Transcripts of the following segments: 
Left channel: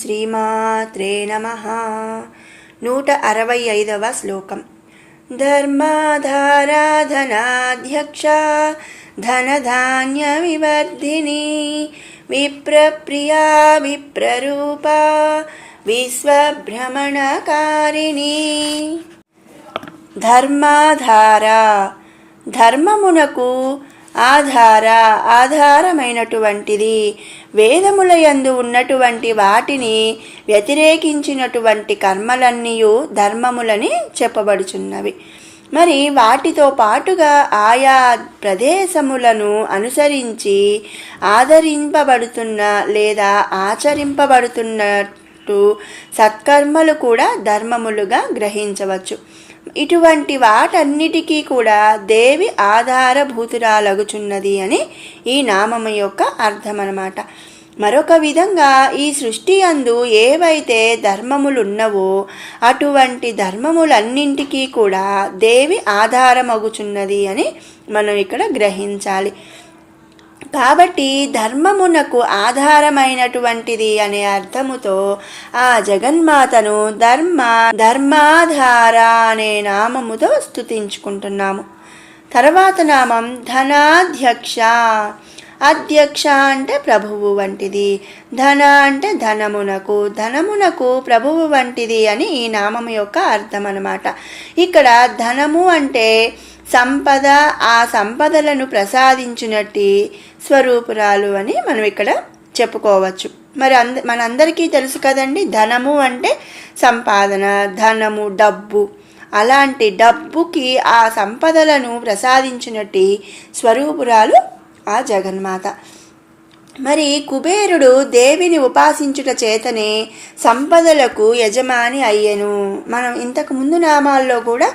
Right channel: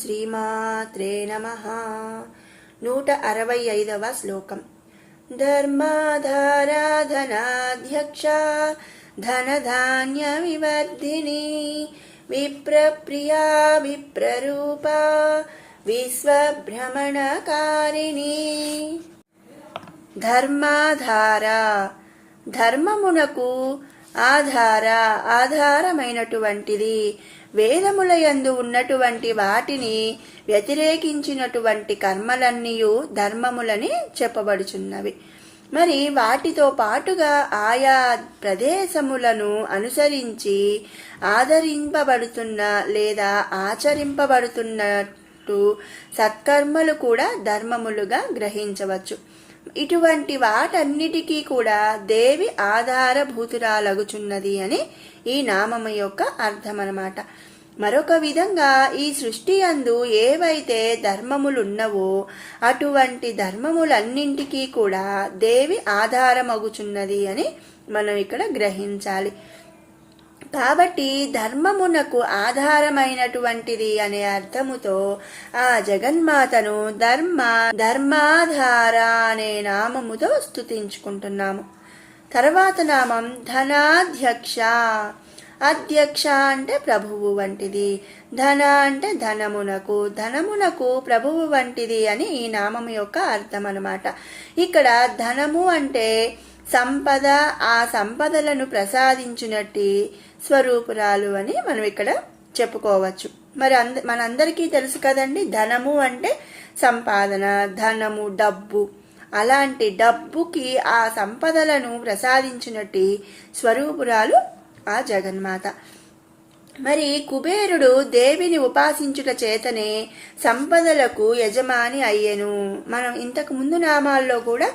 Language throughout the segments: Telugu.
శ్రీమాత్రే నమః. 165వ శ్లోకం. ధర్మాధారాధనాధ్యక్ష ధనధాన్య వివర్ధిని విప్రప్రియా విప్రరూపా విశ్వభ్రమణకారిణి. ధర్మాధార, ధర్మమునకు ఆధారమైనటువంటిది, వేదములయందు ఉన్నటువంటి వాటిని వ్యతిరేకించినటువంటి కర్మలన్నీయు ధర్మములని చెప్పబడుచున్నవి. మరి వాటితో పాటుగా ఆయా ప్రదేశములను అనుసరించి ఆదరింపబడుతున్న లేదా ఆచరింపబడుతున్నట్టు సత్కర్మలు కూడా ధర్మములుగా గ్రహించవచ్చు. ఇటువంటి వాటన్నిటికీ కూడా దేవి ఆధారభూతురాలగుచున్నది అని ఈ నామము యొక్క అర్థం అన్నమాట. మరొక విధంగా ఈ సృష్టి యందు ఏవైతే ధర్మములున్నవో అటువంటి ధర్మములన్నింటికీ కూడా దేవి ఆధారమగుచున్నది అని మనం ఇక్కడ గ్రహించాలి. కాబట్టి ధర్మమునకు ఆధారమైనటువంటిది అనే అర్థముతో ఆ జగన్మాతను ధర్మాధార అనే నామముతో స్తుతించుకుంటున్నాము. తర్వాత నామం ధనాధ్యక్ష. అధ్యక్ష అంటే ప్రభువు వంటిది, ధన అంటే ధనమునకు ప్రభువు వంటిది అని ఈ నామము యొక్క అర్థం అన్నమాట. ఇక్కడ ధనము అంటే సంపద, ఆ సంపదలను ప్రసాదించినట్టి స్వరూపురాలు అని మనం ఇక్కడ చెప్పుకోవచ్చు. మరి మనందరికీ తెలుసు కదండి, ధనము అంటే సంపాదన, ధనము డబ్బు. అలాంటి డబ్బుకి ఆ సంపదలను ప్రసాదించినట్టి స్వరూపురాలు ఆ జగన్మాత. మరి కుబేరుడు దేవిని ఉపాసించుట చేతనే సంపదలకు యజమాని అయ్యెను. మనం ఇంతకు ముందు నామాల్లో కూడా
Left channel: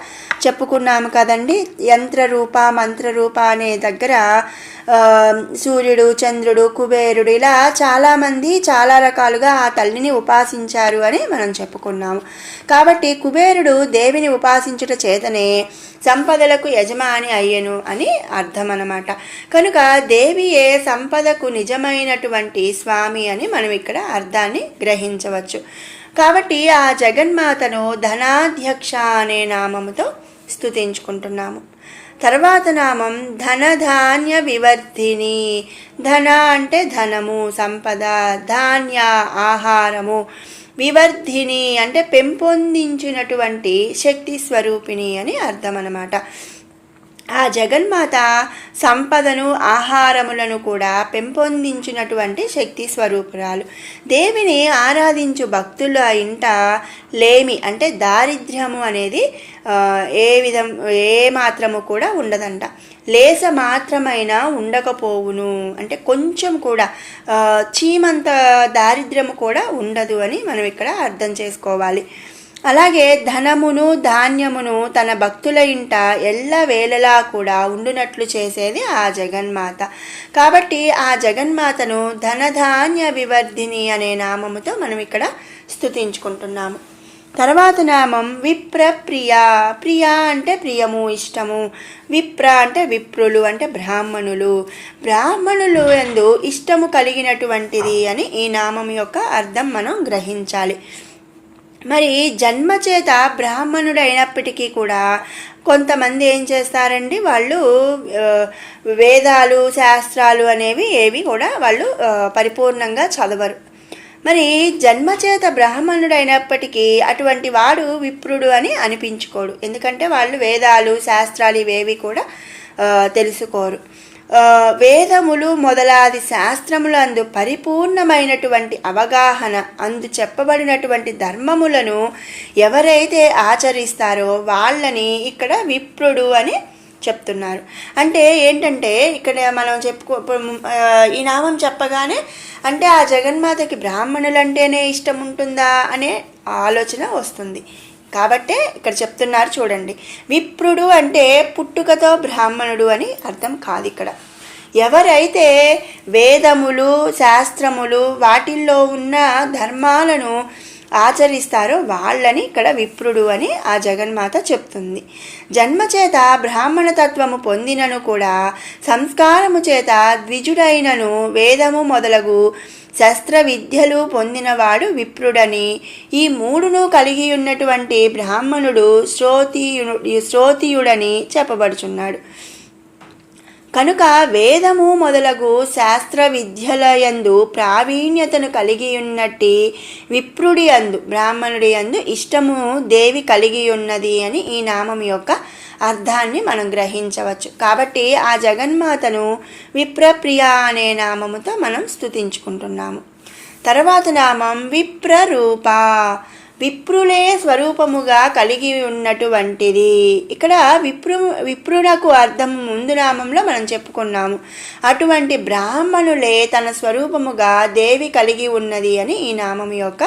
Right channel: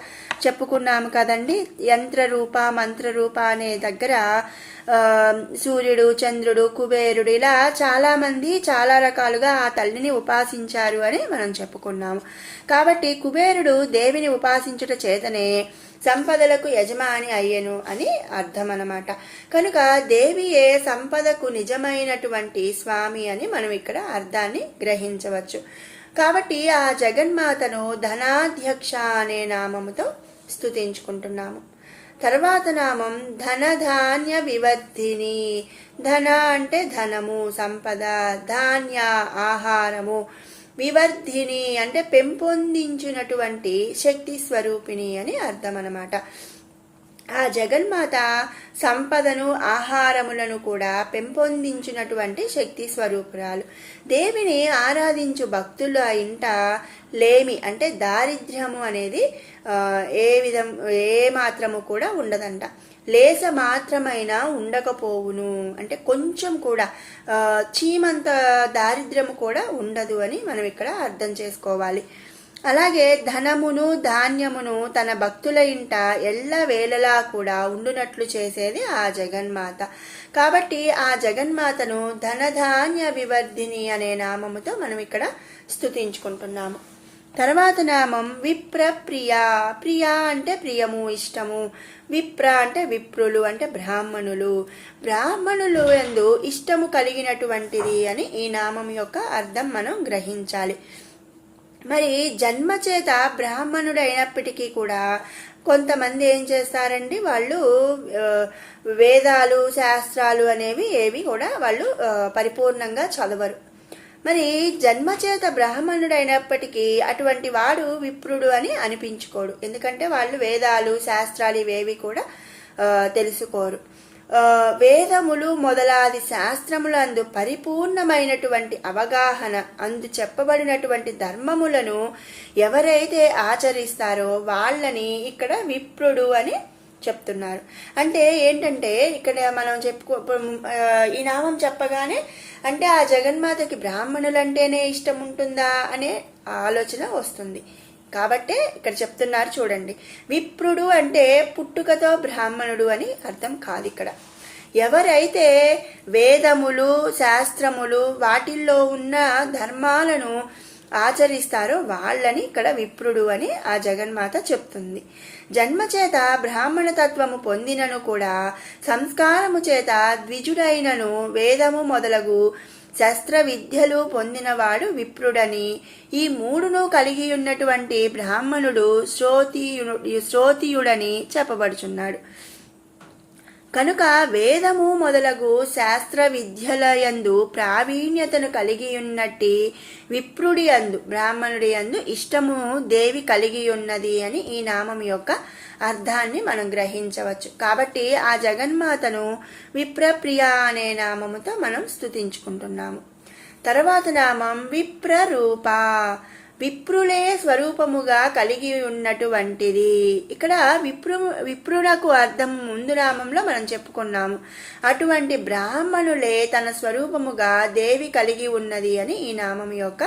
చెప్పుకున్నాము కదండి. యంత్రరూప మంత్రరూప అనే దగ్గర సూర్యుడు, చంద్రుడు, కుబేరుడు ఇలా చాలామంది చాలా రకాలుగా ఆ తల్లిని ఉపాసించారు అని మనం చెప్పుకున్నాము. కాబట్టి కుబేరుడు దేవిని ఉపాసించుట చేతనే సంపదలకు యజమాని అయ్యెను అని అర్థం అన్నమాట. కనుక దేవియే సంపదకు నిజమైనటువంటి స్వామి అని మనం ఇక్కడ అర్థాన్ని గ్రహించవచ్చు. కాబట్టి ఆ జగన్మాతను ధనాధ్యక్ష అనే నామముతో స్తుతించుకుంటున్నాము. తర్వాత నామం ధనధాన్య వివర్ధిని. ధన అంటే ధనము, సంపద, ధాన్య ఆహారము, వివర్ధిని అంటే పెంపొందించినటువంటి శక్తి స్వరూపిణి అని అర్థం అన్నమాట. ఆ జగన్మాత సంపదను, ఆహారములను కూడా పెంపొందించినటువంటి శక్తి స్వరూపురాలు. దేవిని ఆరాధించు భక్తుల ఇంట లేమి అంటే దారిద్ర్యము అనేది ఏ మాత్రము కూడా ఉండదంట. లేస మాత్రమైనా ఉండకపోవును అంటే కొంచెం కూడా చీమంత దారిద్ర్యము కూడా ఉండదు అని మనం ఇక్కడ అర్థం చేసుకోవాలి. అలాగే ధనమును, ధాన్యమును తన భక్తుల ఇంట ఎల్లవేళలా కూడా ఉండునట్లు చేసేది ఆ జగన్మాత. కాబట్టి ఆ జగన్మాతను ధనధాన్య వివర్ధిని అనే నామముతో మనం ఇక్కడ స్తుతించుకుంటున్నాము. తర్వాత నామం విప్రప్రియ. ప్రియ అంటే ప్రియము, ఇష్టము. విప్ర అంటే విప్రులు అంటే బ్రాహ్మణులు యందు ఇష్టము కలిగినటువంటిది అని ఈ నామం యొక్క అర్థం మనం గ్రహించాలి. మరి జన్మచేత బ్రాహ్మణుడు అయినప్పటికీ కూడా కొంతమంది ఏం చేస్తారండి, వాళ్ళు వేదాలు, శాస్త్రాలు అనేవి ఏవి కూడా వాళ్ళు పరిపూర్ణంగా చదవరు. మరి జన్మచేత బ్రాహ్మణుడు అయినప్పటికీ అటువంటి వాడు విప్రుడు అని అనిపించుకోడు. ఎందుకంటే వాళ్ళు వేదాలు, శాస్త్రాలు ఇవేవి కూడా తెలుసుకోరు. వేదములు మొదలాది శాస్త్రములు అందు పరిపూర్ణమైనటువంటి అవగాహన, అందు చెప్పబడినటువంటి ధర్మములను ఎవరైతే ఆచరిస్తారో వాళ్ళని ఇక్కడ విప్రుడు అని చెప్తున్నారు. అంటే ఏంటంటే ఇక్కడ మనం ఈ నామం చెప్పగానే అంటే ఆ జగన్మాతకి బ్రాహ్మణులంటేనే ఇష్టం ఉంటుందా అనే ఆలోచన వస్తుంది. కాబట్టే ఇక్కడ చెప్తున్నారు చూడండి, విప్రుడు అంటే పుట్టుకతో బ్రాహ్మణుడు అని అర్థం కాదు. ఇక్కడ ఎవరైతే వేదములు, శాస్త్రములు వాటిల్లో ఉన్న ధర్మాలను ఆచరిస్తారో వాళ్ళని ఇక్కడ విప్రుడు అని ఆ జగన్మాత చెప్తుంది. జన్మచేత బ్రాహ్మణ తత్వము పొందినను కూడా సంస్కారము చేత ద్విజుడైనను వేదము మొదలగు శస్త్ర విద్యలు పొందినవాడు విప్రుడని. ఈ మూడును కలిగి ఉన్నటువంటి బ్రాహ్మణుడు శ్రోతియుడని చెప్పబడుచున్నాడు. కనుక వేదము మొదలగు శాస్త్ర విద్యలయందు ప్రావీణ్యతను కలిగి ఉన్నట్టి విప్రుడి అందు బ్రాహ్మణుడి అందు ఇష్టము దేవి కలిగి ఉన్నది అని ఈ నామం యొక్క అర్థాన్ని మనం గ్రహించవచ్చు. కాబట్టి ఆ జగన్మాతను విప్రప్రియ అనే నామముతో మనం స్తుతించుకుంటున్నాము. తర్వాత నామం విప్రరూప, విప్రులే స్వరూపముగా కలిగి ఉన్నటువంటిది. ఇక్కడ విప్రునకు అర్థం ముందు నామంలో మనం చెప్పుకున్నాము. అటువంటి బ్రాహ్మణులే తన స్వరూపముగా దేవి కలిగి ఉన్నది అని ఈ నామం యొక్క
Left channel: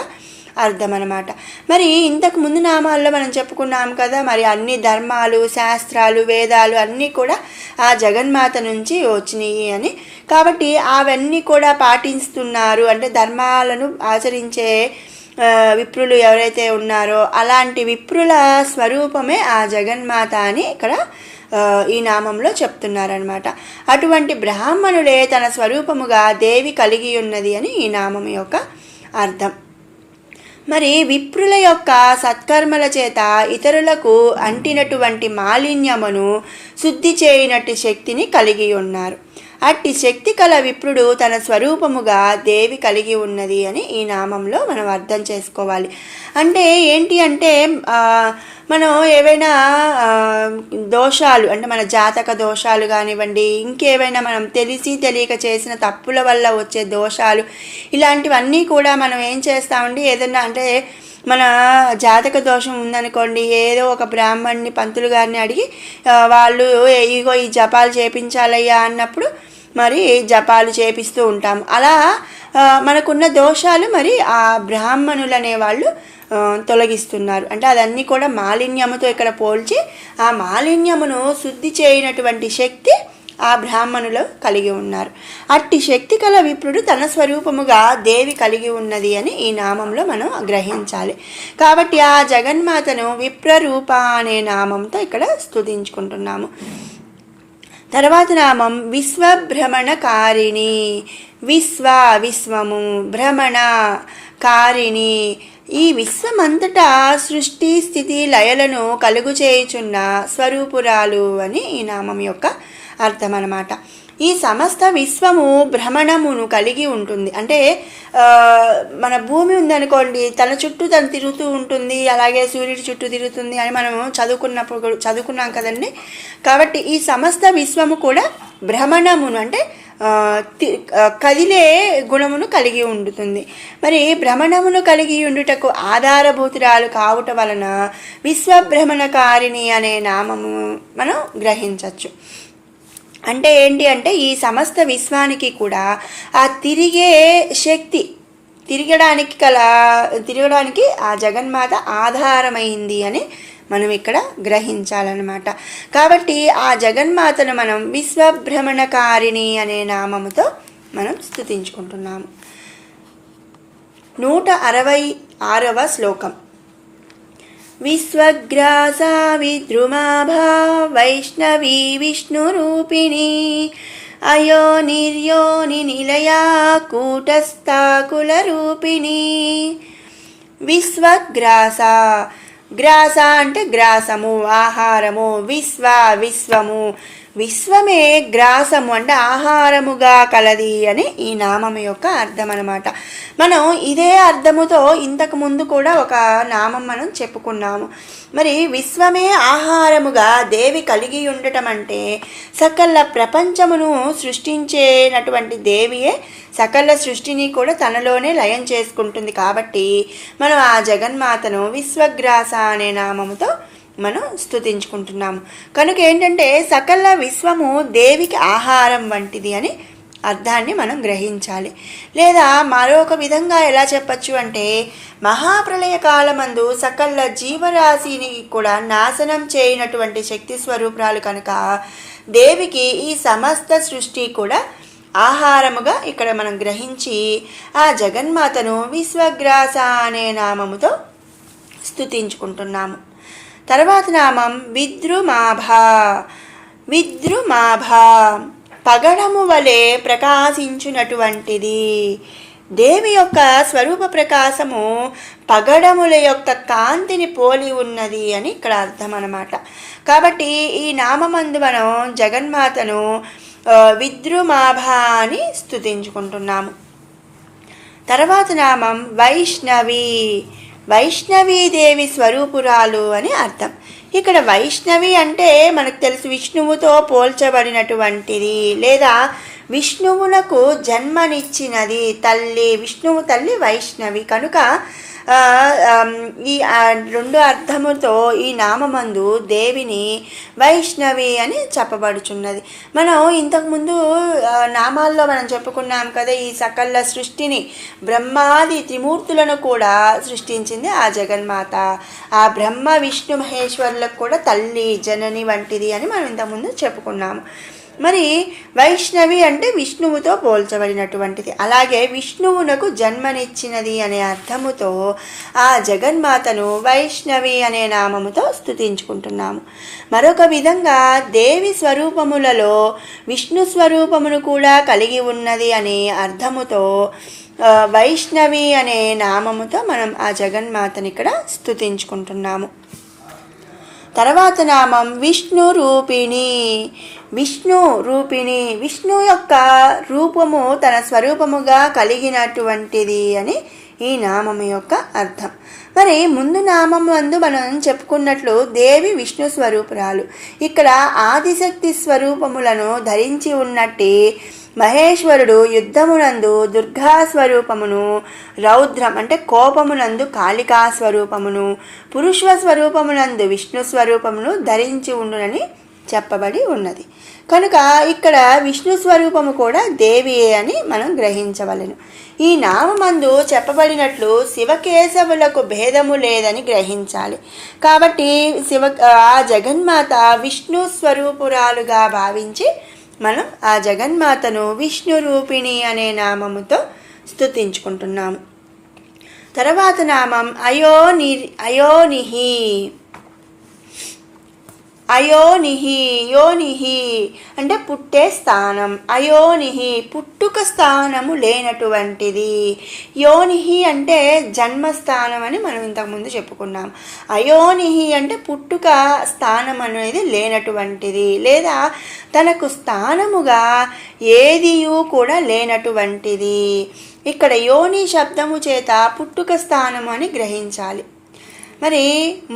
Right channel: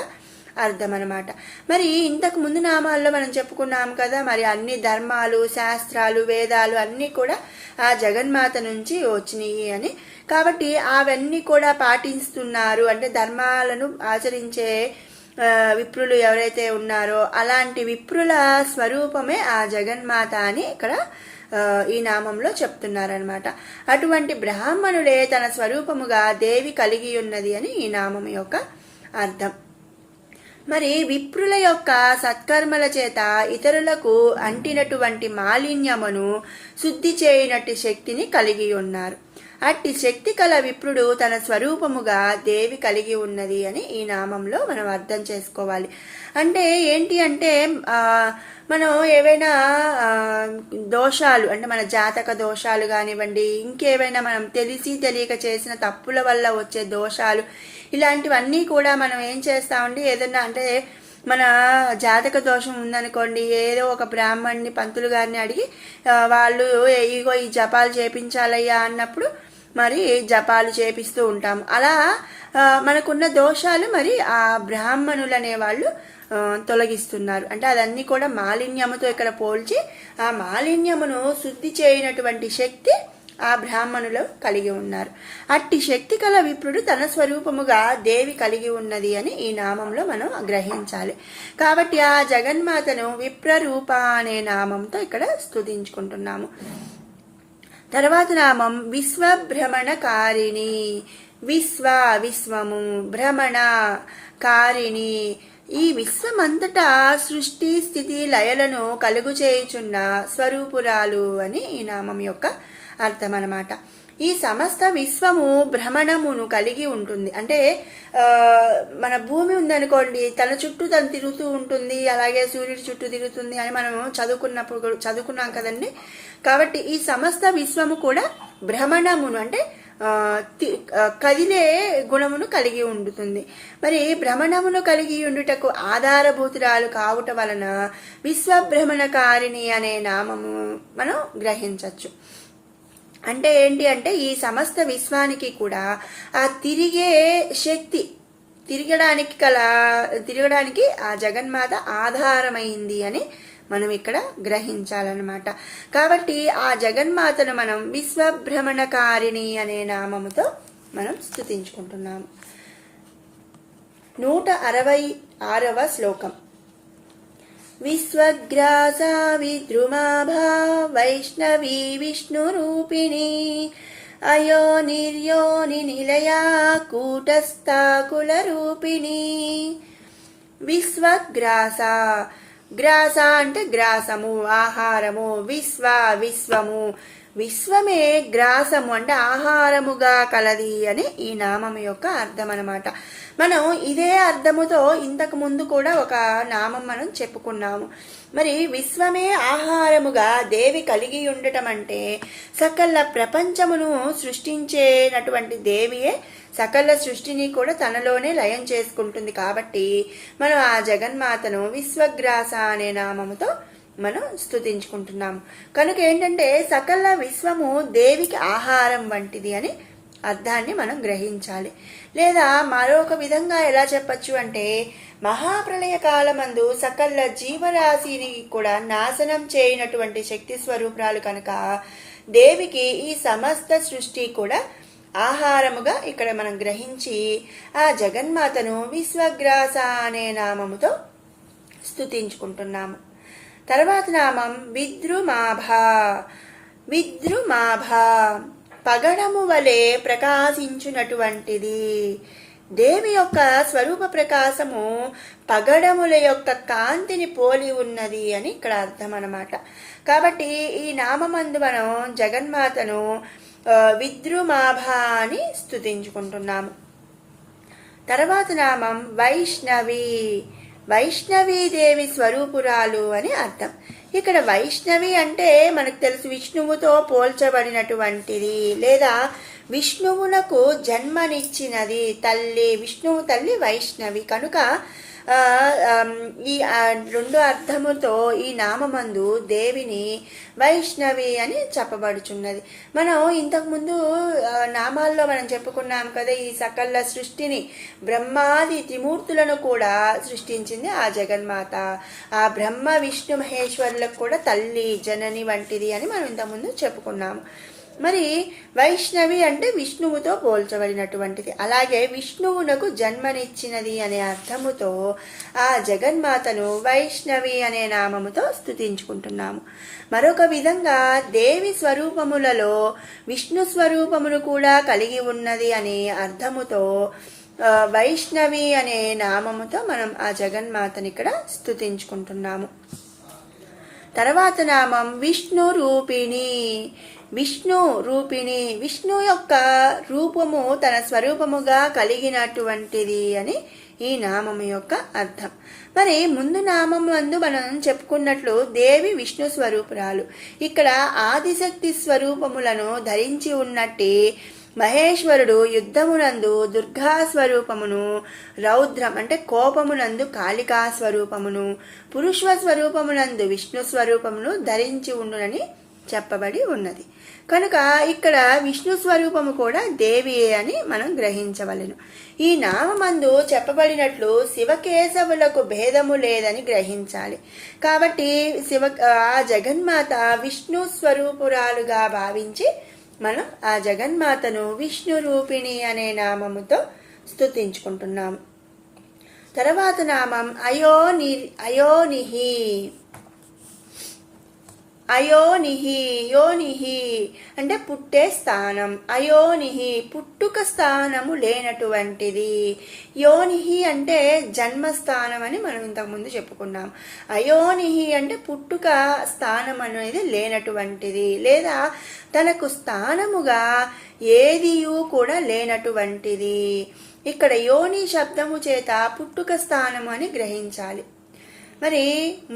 అర్థం అన్నమాట. మరి ఇంతకు ముందు నామాల్లో మనం చెప్పుకున్నాం కదా, మరి అన్ని ధర్మాలు, శాస్త్రాలు, వేదాలు అన్నీ కూడా ఆ జగన్మాత నుంచి వచ్చినాయి అని. కాబట్టి అవన్నీ కూడా పాటిస్తున్నారు అంటే ధర్మాలను ఆచరించే విప్రులు ఎవరైతే ఉన్నారో అలాంటి విప్రుల స్వరూపమే ఆ జగన్మాత అని ఇక్కడ ఈ నామంలో చెప్తున్నారనమాట. అటువంటి బ్రాహ్మణుడే తన స్వరూపముగా దేవి కలిగి ఉన్నది అని ఈ నామం యొక్క అర్థం. మరి విప్రుల యొక్క సత్కర్మల చేత ఇతరులకు అంటినటువంటి మాలిన్యమును శుద్ధి చేయనట్టి శక్తిని కలిగి ఉన్నారు. అట్టి శక్తి కల విప్రుడు తన స్వరూపముగా దేవి కలిగి ఉన్నది అని ఈ నామంలో మనం అర్థం చేసుకోవాలి. అంటే ఏంటి అంటే మనం ఏవైనా దోషాలు అంటే మన జాతక దోషాలు కానివ్వండి, ఇంకేవైనా మనం తెలిసి తెలియక చేసిన తప్పుల వల్ల వచ్చే దోషాలు, ఇలాంటివన్నీ కూడా మనం ఏం చేస్తామండి, ఏదన్నా అంటే మన జాతక దోషం ఉందనుకోండి, ఏదో ఒక బ్రాహ్మణ్ణి పంతులు గారిని అడిగి వాళ్ళు ఇగో ఈ జపాలు చేపించాలయ్యా అన్నప్పుడు మరి జపాలు చేపిస్తూ ఉంటాం. అలా మనకున్న దోషాలు మరి ఆ బ్రాహ్మణులు అనేవాళ్ళు తొలగిస్తున్నారు. అంటే అదన్నీ కూడా మాలిన్యముతో ఇక్కడ పోల్చి ఆ మాలిన్యమును శుద్ధి చేయనటువంటి శక్తి ఆ బ్రాహ్మణులు కలిగి ఉన్నారు. అట్టి శక్తి కల విప్రుడు తన స్వరూపముగా దేవి కలిగి ఉన్నది అని ఈ నామంలో మనం గ్రహించాలి. కాబట్టి ఆ జగన్మాతను విప్రరూప అనే నామంతో ఇక్కడ స్తుతించుకుంటున్నాము. తర్వాత నామం విశ్వభ్రమణకారిణి. విశ్వము, భ్రమణ, కారిణి, ఈ విశ్వమంతటా సృష్టి స్థితి లయలను కలుగు చేయుచున్న స్వరూపురాలు అని ఈ నామం యొక్క అర్థం అన్నమాట. ఈ సమస్త విశ్వము భ్రమణమును కలిగి ఉంటుంది. అంటే మన భూమి ఉందనుకోండి, తన చుట్టూ తను తిరుగుతూ ఉంటుంది, అలాగే సూర్యుడి చుట్టూ తిరుగుతుంది అని మనం చదువుకున్నాం కదండి. కాబట్టి ఈ సమస్త విశ్వము కూడా భ్రమణమును అంటే కదిలే గుణమును కలిగి ఉంటుంది. మరి భ్రమణమును కలిగి ఉండుటకు ఆధారభూతురాలు కావుట వలన విశ్వభ్రమణకారిణి అనే నామము మనం గ్రహించవచ్చు. అంటే ఏంటి అంటే ఈ సమస్త విశ్వానికి కూడా ఆ తిరిగే శక్తి, తిరగడానికి ఆ జగన్మాత ఆధారమైంది అని మనం ఇక్కడ గ్రహించాలన్నమాట. కాబట్టి ఆ జగన్మాతను మనం విశ్వభ్రమణకారిణి అనే నామముతో మనం స్తుతించుకుంటున్నాము. 166వ శ్లోకం. విశ్వగ్రాసా విద్రుమాభా వైష్ణవీ విష్ణురూపిణి అయో నిర్యోని నిలయా కూటస్థాకులరూపిణి. విశ్వగ్రాస, గ్రాస అంటే గ్రాసము, ఆహారము. విశ్వము, విశ్వమే గ్రాసము అంటే ఆహారముగా కలది అని ఈ నామం యొక్క అర్థం అన్నమాట. మనం ఇదే అర్థముతో ఇంతకు ముందు కూడా ఒక నామం మనం చెప్పుకున్నాము. మరి విశ్వమే ఆహారముగా దేవి కలిగి ఉండటం అంటే సకల ప్రపంచమును సృష్టించేటటువంటి దేవియే సకల సృష్టిని కూడా తనలోనే లయం చేసుకుంటుంది. కాబట్టి మనం ఆ జగన్మాతను విశ్వగ్రాస అనే నామముతో మనం స్తుతించుకుంటున్నాము. కనుక ఏంటంటే సకల విశ్వము దేవికి ఆహారం వంటిది అని అర్థాన్ని మనం గ్రహించాలి. లేదా మరొక విధంగా ఎలా చెప్పచ్చు అంటే మహాప్రళయ కాలమందు సకల జీవరాశిని కూడా నాశనం చేయనటువంటి శక్తి స్వరూపురాలు కనుక దేవికి ఈ సమస్త సృష్టి కూడా ఆహారముగా ఇక్కడ మనం గ్రహించి ఆ జగన్మాతను విశ్వగ్రాస అనే నామముతో స్తుతించుకుంటున్నాము. తర్వాత నామం విద్రుమాభ, పగడము వలె ప్రకాశించునటువంటిది. దేవి యొక్క స్వరూప ప్రకాశము పగడముల యొక్క కాంతిని పోలి ఉన్నది అని ఇక్కడ అర్థం అన్నమాట. కాబట్టి ఈ నామందు మనం జగన్మాతను విద్రుమాభ అని స్తుతించుకుంటున్నాము. తర్వాత నామం వైష్ణవి. వైష్ణవీదేవి స్వరూపురాలు అని అర్థం. ఇక్కడ వైష్ణవి అంటే మనకు తెలుసు విష్ణువుతో పోల్చబడినటువంటిది, లేదా విష్ణువునకు జన్మనిచ్చినది తల్లి, విష్ణువు తల్లి వైష్ణవి. కనుక ఈ రెండు అర్థముతో ఈ నామందు దేవిని వైష్ణవి అని చెప్పబడుచున్నది. మనం ఇంతకుముందు నామాల్లో మనం చెప్పుకున్నాం కదా, ఈ సకల సృష్టిని బ్రహ్మాది త్రిమూర్తులను కూడా సృష్టించింది ఆ జగన్మాత. ఆ బ్రహ్మ విష్ణు మహేశ్వరులకు కూడా తల్లి జనని వంటిది అని మనం ఇంతకుముందు చెప్పుకున్నాము. మరి వైష్ణవి అంటే విష్ణువుతో పోల్చబడినటువంటిది. అలాగే విష్ణువునకు జన్మనిచ్చినది అనే అర్థముతో ఆ జగన్మాతను వైష్ణవి అనే నామముతో స్తుతించుకుంటున్నాము. మరొక విధంగా దేవి స్వరూపములలో విష్ణు స్వరూపమును కూడా కలిగి ఉన్నది అనే అర్థముతో వైష్ణవి అనే నామముతో మనం ఆ జగన్మాతని ఇక్కడ స్తుతించుకుంటున్నాము. తర్వాత నామం విష్ణు రూపిణి. విష్ణు రూపిణి, విష్ణు యొక్క రూపము తన స్వరూపముగా కలిగినటువంటిది అని ఈ నామము యొక్క అర్థం. మరి ముందు నామము అందు మనం చెప్పుకున్నట్లు దేవి విష్ణు స్వరూపురాలు. ఇక్కడ ఆదిశక్తి స్వరూపములను ధరించి ఉన్నట్టే మహేశ్వరుడు యుద్ధమునందు దుర్గా స్వరూపమును, రౌద్రం అంటే కోపమునందు కాళికా స్వరూపమును, పురుష స్వరూపమునందు విష్ణు స్వరూపమును ధరించి ఉండునని చెప్పబడి ఉన్నది. కనుక ఇక్కడ విష్ణు స్వరూపము కూడా దేవియే అని మనం గ్రహించవలెను. ఈ నామందు చెప్పబడినట్లు శివకేశవులకు భేదము లేదని గ్రహించాలి. కాబట్టి ఆ జగన్మాత విష్ణు స్వరూపురాలుగా భావించి మనం ఆ జగన్మాతను విష్ణు రూపిణి అనే నామముతో స్తుతించుకుంటున్నాము. తర్వాత నామం అయోనిహి. అయోనిహి, యోనిహి అంటే పుట్టే స్థానం. అయోనిహి పుట్టుక స్థానము లేనటువంటిది. యోనిహి అంటే జన్మస్థానం అని మనం ఇంతకుముందు చెప్పుకున్నాం. అయోనిహి అంటే పుట్టుక స్థానం అనేది లేనటువంటిది, లేదా తనకు స్థానముగా ఏదియూ కూడా లేనటువంటిది. ఇక్కడ యోని శబ్దము చేత పుట్టుక స్థానము అని గ్రహించాలి. మరి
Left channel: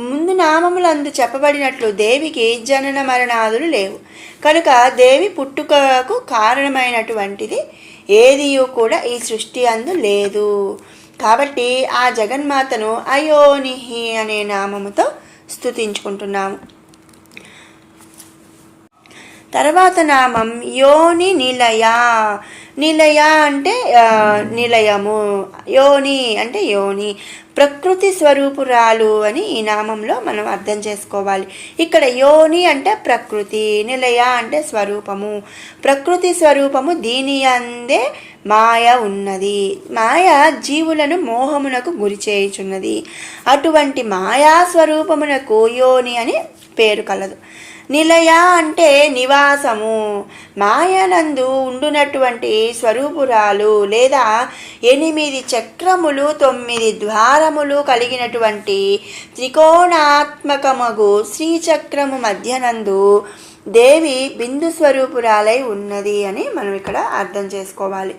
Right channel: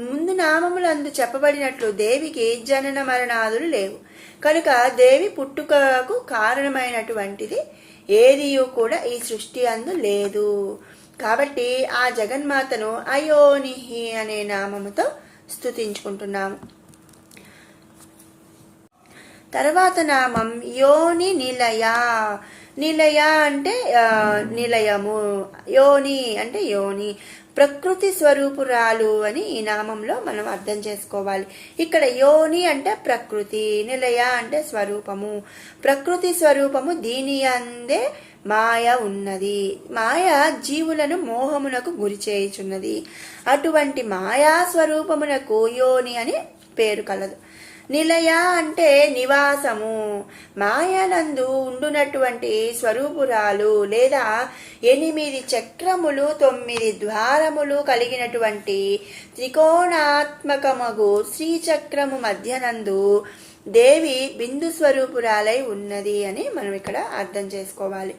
ముందు నామములందు చెప్పబడినట్లు దేవికి జనన మరణాదులు లేవు. కనుక దేవి పుట్టుకకు కారణమైనటువంటిది ఏదియూ కూడా ఈ సృష్టి అందు లేదు. కాబట్టి ఆ జగన్మాతను అయోనిహి అనే నామముతో స్తుతించుకుంటున్నాము. తర్వాత నామం యోని నిలయ. నిలయ అంటే నిలయము, యోని అంటే యోని, ప్రకృతి స్వరూపురాలు అని ఈ నామంలో మనం అర్థం చేసుకోవాలి. ఇక్కడ యోని అంటే ప్రకృతి, నిలయ అంటే స్వరూపము. ప్రకృతి స్వరూపము, దీని అందే మాయ ఉన్నది. మాయ జీవులను మోహమునకు గురి చేయుచున్నది. అటువంటి మాయా స్వరూపమునకు యోని అని పేరు కలదు. నిలయ అంటే నివాసము, మాయనందు ఉండునటువంటి స్వరూపురాలు, లేదా 8 చక్రములు 9 ద్వారములు కలిగినటువంటి త్రికోణాత్మకమగు శ్రీచక్రము మధ్యనందు దేవి బిందు స్వరూపురాలై ఉన్నది అని మనం ఇక్కడ అర్థం చేసుకోవాలి.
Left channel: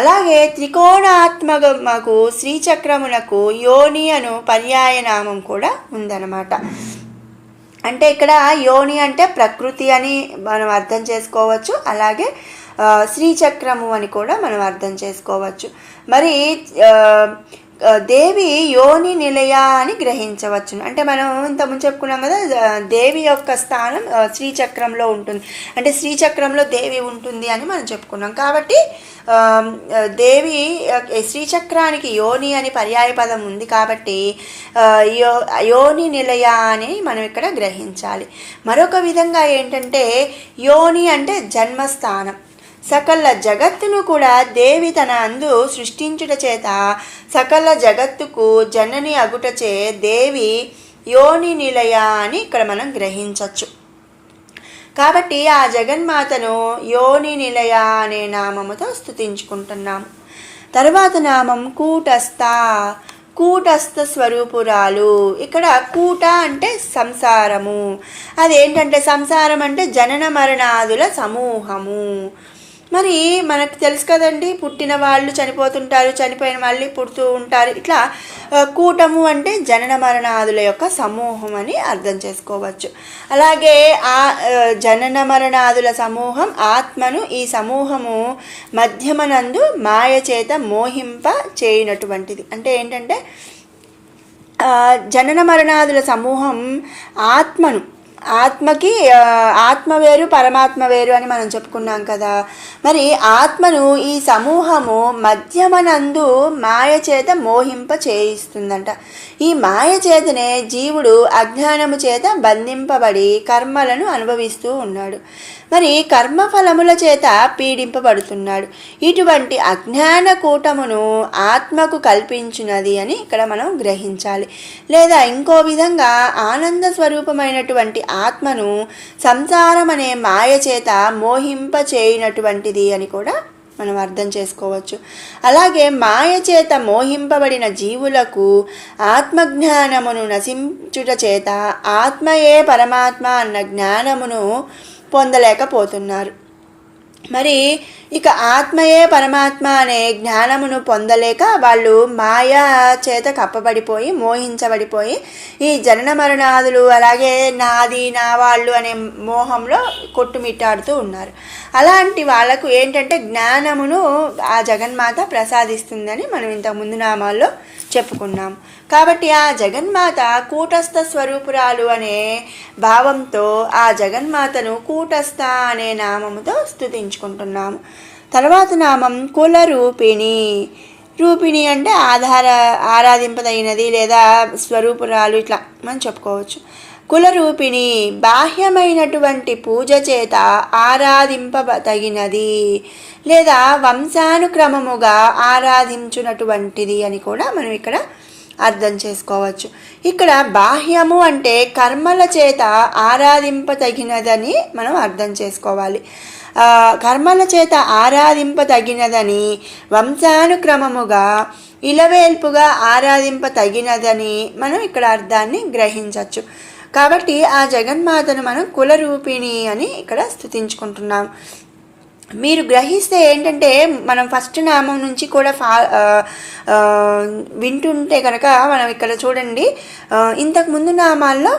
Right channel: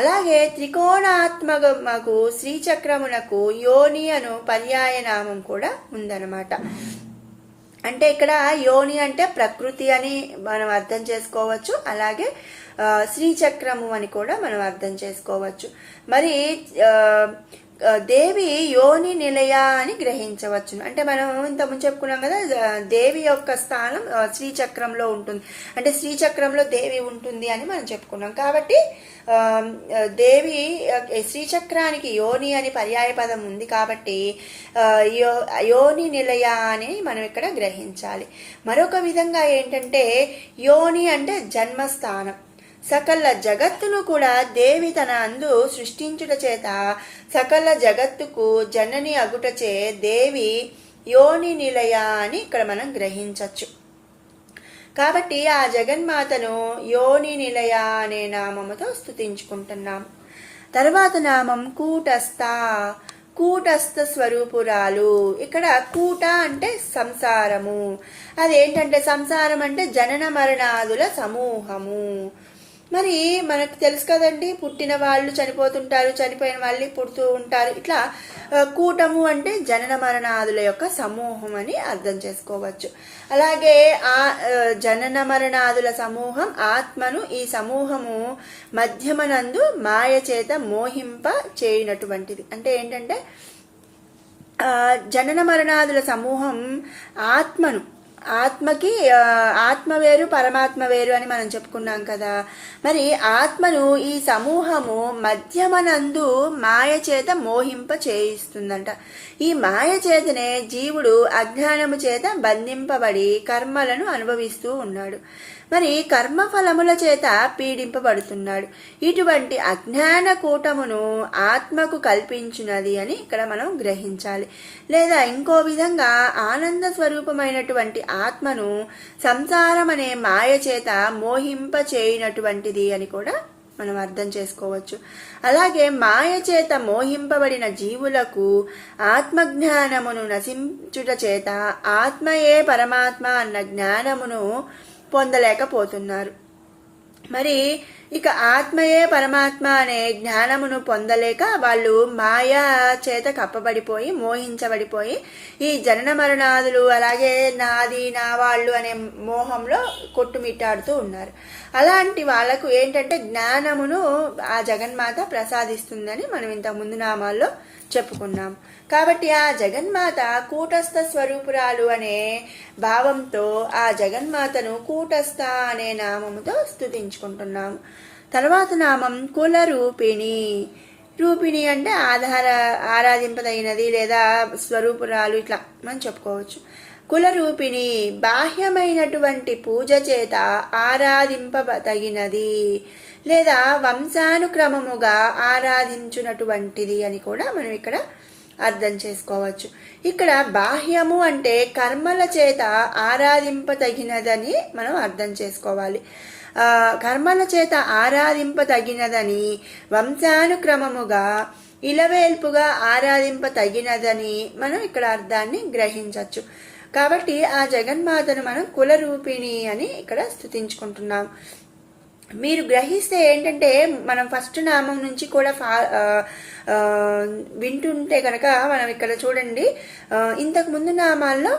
అలాగే త్రికోణాత్మకమగు శ్రీచక్రమునకు యోని అను పర్యాయనామం కూడా ఉందన్నమాట. అంటే ఇక్కడ యోని అంటే ప్రకృతి అని మనం అర్థం చేసుకోవచ్చు, అలాగే శ్రీచక్రము అని కూడా మనం అర్థం చేసుకోవచ్చు. మరి దేవి యోని నిలయ అని గ్రహించవచ్చును. అంటే మనం ఇంతకుముందు చెప్పుకున్నాం కదా, దేవి యొక్క స్థానం శ్రీచక్రంలో ఉంటుంది, అంటే శ్రీచక్రంలో దేవి ఉంటుంది అని మనం చెప్పుకున్నాం. కాబట్టి దేవి శ్రీచక్రానికి యోని అని పర్యాయ పదం ఉంది కాబట్టి యోని నిలయ అని మనం ఇక్కడ గ్రహించాలి. మరొక విధంగా ఏంటంటే యోని అంటే జన్మస్థానం. సకల జగత్తును కూడా దేవి తన అందు సృష్టించుట చేత సకల జగత్తుకు జనని అగుటచే దేవి యోని నిలయ అని ఇక్కడ మనం గ్రహించవచ్చు. కాబట్టి ఆ జగన్మాతను యోని నిలయ అనే నామముతో స్తుతించుకుంటున్నాం. తర్వాత నామం కూటస్థ. కూటస్థ స్వరూపురాలు. ఇక్కడ కూట అంటే సంసారము. అదేంటంటే సంసారం అంటే జనన మరణాదుల సమూహము. మరి మనకు తెలుసు కదండి, పుట్టిన వాళ్ళు చనిపోతుంటారు, చనిపోయిన మళ్ళీ పుడుతూ ఉంటారు. ఇట్లా కూటము అంటే జనన మరణాదుల యొక్క సమూహం అని అర్థం చేసుకోవచ్చు. అలాగే ఆ జనన మరణాదుల సమూహం ఆత్మను, ఈ సమూహము మధ్యమనందు మాయ చేత మోహింప చేయనటువంటిది. అంటే ఏంటంటే జనన మరణాదుల సమూహం ఆత్మకి ఆత్మ వేరు, పరమాత్మ వేరు అని మనం చెప్పుకున్నాం కదా. మరి ఆత్మను ఈ సమూహము మధ్యమనందు మాయ చేత మోహింప చేయిస్తుందంట. ఈ మాయ చేతనే జీవుడు అజ్ఞానము చేత బంధింపబడి కర్మలను అనుభవిస్తూ ఉన్నాడు. మరి కర్మఫలముల చేత పీడింపబడుతున్నాడు. ఇటువంటి అజ్ఞాన కూటమును ఆత్మకు కల్పించినది అని ఇక్కడ మనం గ్రహించాలి. లేదా ఇంకో విధంగా ఆనంద స్వరూపమైనటువంటి ఆత్మను సంసారం అనే మాయ చేత మోహింప చేయనటువంటిది అని కూడా మనం అర్థం చేసుకోవచ్చు. అలాగే మాయ చేత మోహింపబడిన జీవులకు ఆత్మజ్ఞానమును నశించుట చేత ఆత్మయే పరమాత్మ అన్న జ్ఞానమును పొందలేకపోతున్నారు. మరి ఇక ఆత్మయే పరమాత్మ అనే జ్ఞానమును పొందలేక వాళ్ళు మాయా చేత కప్పబడిపోయి మోహించబడిపోయి ఈ జనన మరణాదులు, అలాగే నాది నా వాళ్ళు అనే మోహంలో కొట్టుమిట్టాడుతూ ఉన్నారు. అలాంటి వాళ్ళకు ఏంటంటే జ్ఞానమును ఆ జగన్మాత ప్రసాదిస్తుందని మనం ఇంతకుముందు నామాల్లో చెప్పుకున్నాం. కాబట్టి ఆ జగన్మాత కూటస్థ స్వరూపురాలు అనే భావంతో ఆ జగన్మాతను కూటస్థ అనే నామముతో స్తుతించుకుంటున్నాము. తర్వాత నామం కులరూపిణి. రూపిణి అంటే ఆరాధింపదగినది లేదా స్వరూపురాలు, ఇట్లా మనం చెప్పుకోవచ్చు. కులరూపిణి బాహ్యమైనటువంటి పూజ చేత ఆరాధింపదగినది లేదా వంశానుక్రమముగా ఆరాధించునటువంటిది అని కూడా మనం ఇక్కడ అర్థం చేసుకోవచ్చు. ఇక్కడ బాహ్యము అంటే కర్మల చేత ఆరాధింపదగినదని మనం అర్థం చేసుకోవాలి. కర్మల చేత ఆరాధింపదగినదని, వంశానుక్రమముగా ఇలవేల్పుగా ఆరాధింపదగినదని మనం ఇక్కడ అర్థాన్ని గ్రహించవచ్చు. కాబట్టి ఆ జగన్మాతను మనం కులరూపిణి అని ఇక్కడ స్తుతించుకుంటున్నాం. మీరు గ్రహిస్తే ఏంటంటే మనం ఫస్ట్ నామం నుంచి కూడా వింటుంటే కనుక మనం ఇక్కడ చూడండి, ఇంతకు ముందు నామాల్లో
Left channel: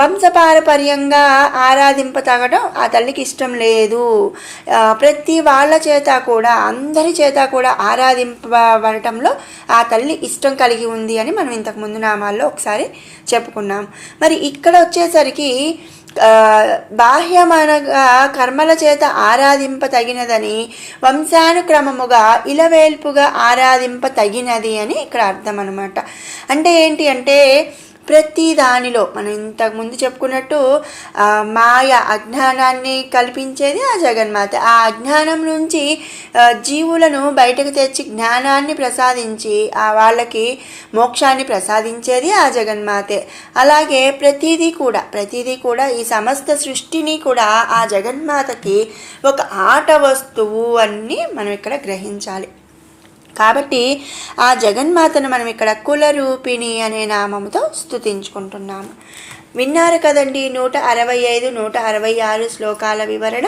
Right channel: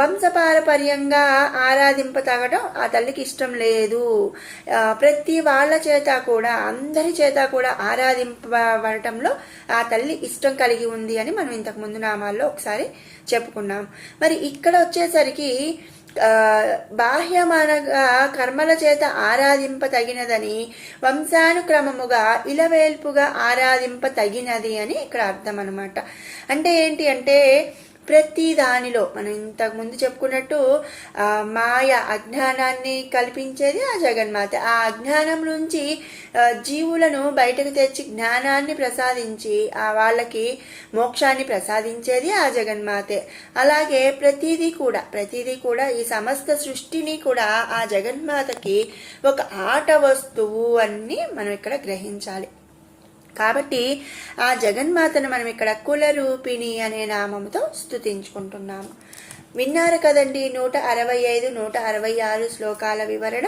వంశపారపర్యంగా ఆరాధింపతగడం ఆ తల్లికి ఇష్టం లేదు. ప్రతి వాళ్ళ చేత కూడా, అందరి చేత కూడా ఆరాధింపబడటంలో ఆ తల్లి ఇష్టం కలిగి ఉంది అని మనం ఇంతకు ముందు నామాల్లో ఒకసారి చెప్పుకున్నాం. మరి ఇక్కడ వచ్చేసరికి బాహ్యమనగా కర్మల చేత ఆరాధింపతగినదని, వంశానుక్రమముగా ఇలవేల్పుగా ఆరాధింపతగినది అని ఇక్కడ అర్థం అన్నమాట. అంటే ఏంటి అంటే ప్రతి దానిలో మనం ఇంతకుముందు చెప్పుకున్నట్టు మాయ అజ్ఞానాన్ని కల్పించేది ఆ జగన్మాత. ఆ అజ్ఞానం నుంచి జీవులను బయటకు తెచ్చి జ్ఞానాన్ని ప్రసాదించి వాళ్ళకి మోక్షాన్ని ప్రసాదించేది ఆ జగన్మాతే. అలాగే ప్రతిదీ కూడా ఈ సమస్త సృష్టిని కూడా ఆ జగన్మాతకి ఒక ఆట వస్తువు అని మనం ఇక్కడ గ్రహించాలి. కాబట్టి ఆ జగన్మాతను మనం ఇక్కడ కులరూపిణి అనే నామముతో స్తుతించుకుంటున్నాము. విన్నారు కదండి 165, 166 శ్లోకాల వివరణ.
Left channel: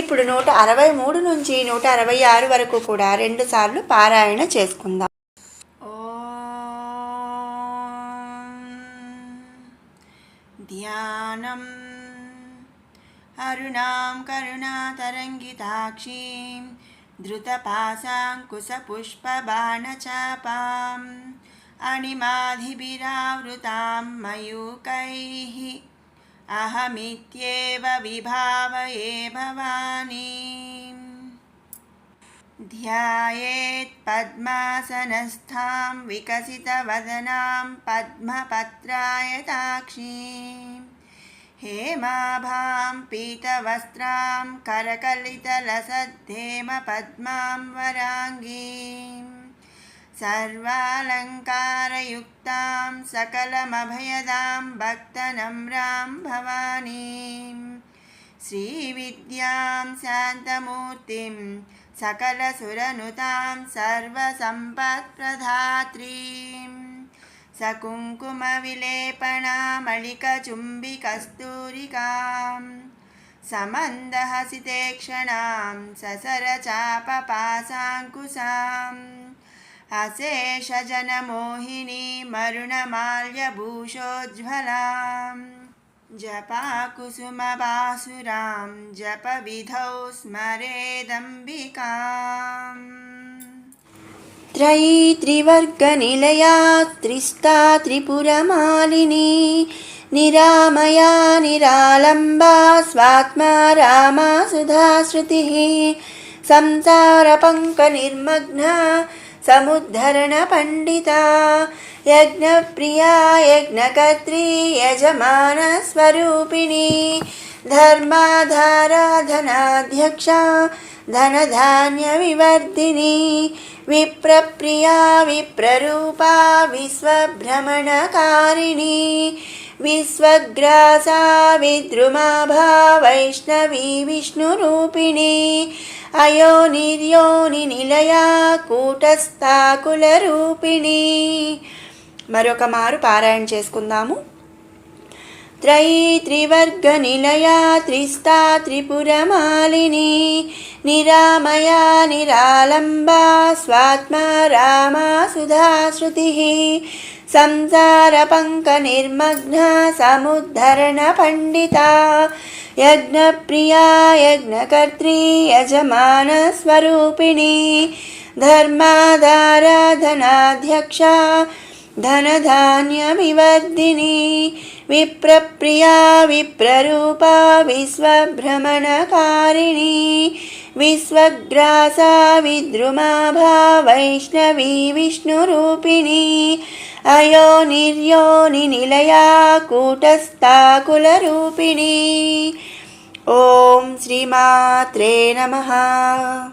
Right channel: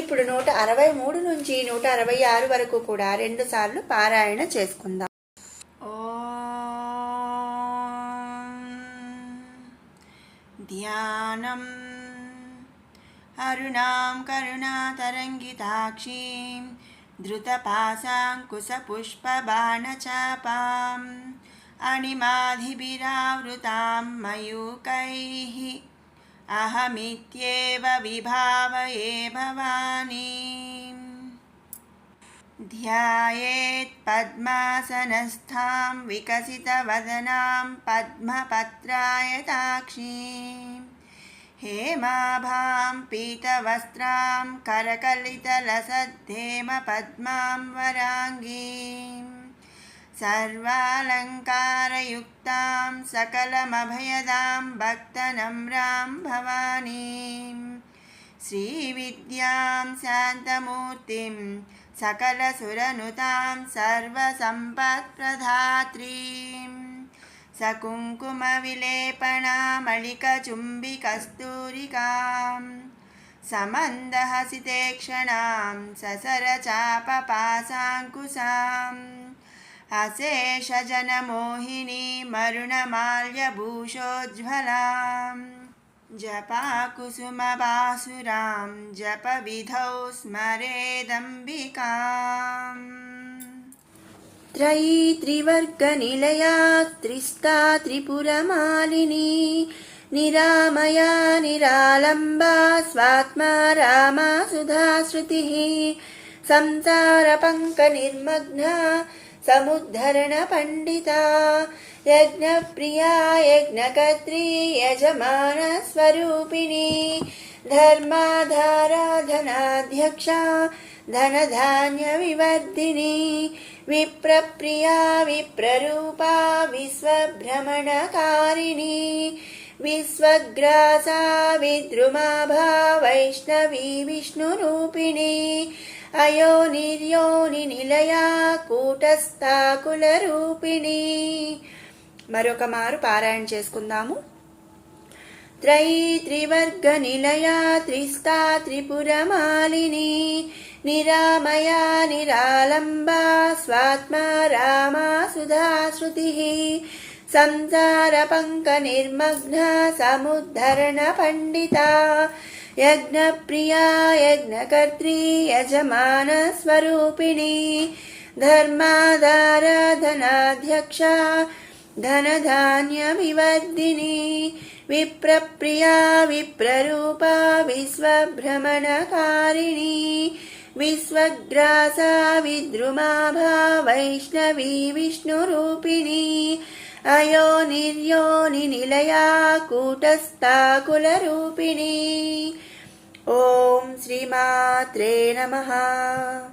ఇప్పుడు 163 నుంచి 166 వరకు కూడా 2 సార్లు పారాయణ చేసుకుందాం. ధ్యానం అరుణాం కరుణాతరంగితాక్షీం ధృతపాశాంకుశపుష్పబాణచాపాం అణిమాధిభిరావృతాం మయూకైః అహమిత్యేవ విభావయే భవానీం. ధ్యాయేత్ పద్మాసనస్థాం వికసితవదనాం పద్మపత్రాయతాక్షీం हेमाभां पीतवस्त्रां करकलितलसद्धेमपद्मां वराङ्गीं सर्वालङ्कारयुक्तां सकलमभयदां भक्तनम्रां भवानीं श्रीविद्यां शान्तमूर्तिं सकलसुरनुतां सर्वसम्पत्प्रदात्रीं सकुङ्कुमविलेपनामलिकचुम्बिकस्तूरिकां समन्दहसितेक्षणां ससरचापपासाङ्कुशाम् अशेषजनमोहिनी मरुणमाल्यभूषोज्ज्वलां जपाकुसुमबासुरां जपविधौ स्मरेदम्बिकाम् त्रयी त्रिवर्गनिलया त्रिस्ता त्रिपुरमालिनी निरामया निरालम्बा स्वात्मा रामा सुधाश्रुतिः संसारपङ्कनिर्मग्ना समुद्धरणपण्डिता यज्ञप्रिया यज्ञकर्त्री यजमानस्वरूपिणी धर्माधारा धनाध्यक्षा धनधान्यविवर्धिनी विप्रप्रिया विप्ररूपा विश्वभ्रमणकारिणी विश्वग्रासा विद्रुमाभा वैष्णवी विष्णुरूपिणी अयोनिर्योनिनिलया కూటస్థాకులరూపిణి. మరొక మారు పారాయణ చేసుకుందాము. త్రయీ త్రివర్గనిలయా త్రిస్తా త్రిపురమాలిని నిరామయా నిరాలంబా స్వాత్మా రామా సుధాశ్రుతిః సంసారపంకనిర్మగ్నా సముద్ధరణపండితా यज्ञप्रिया यज्ञकर्त्री यजमानस्वरूपिणी धर्माधारा धनाध्यक्षा धनधान्यविवर्धिनी विप्रप्रिया विप्ररूपा विश्वभ्रमणकारिणी विश्वग्रासा विद्रुमाभा वैष्णवी विष्णुरूपिणी अयोनिर्योनिनिलया కూటస్థాకులరూపిణి. ఓం శ్రీమాత్రే నమః.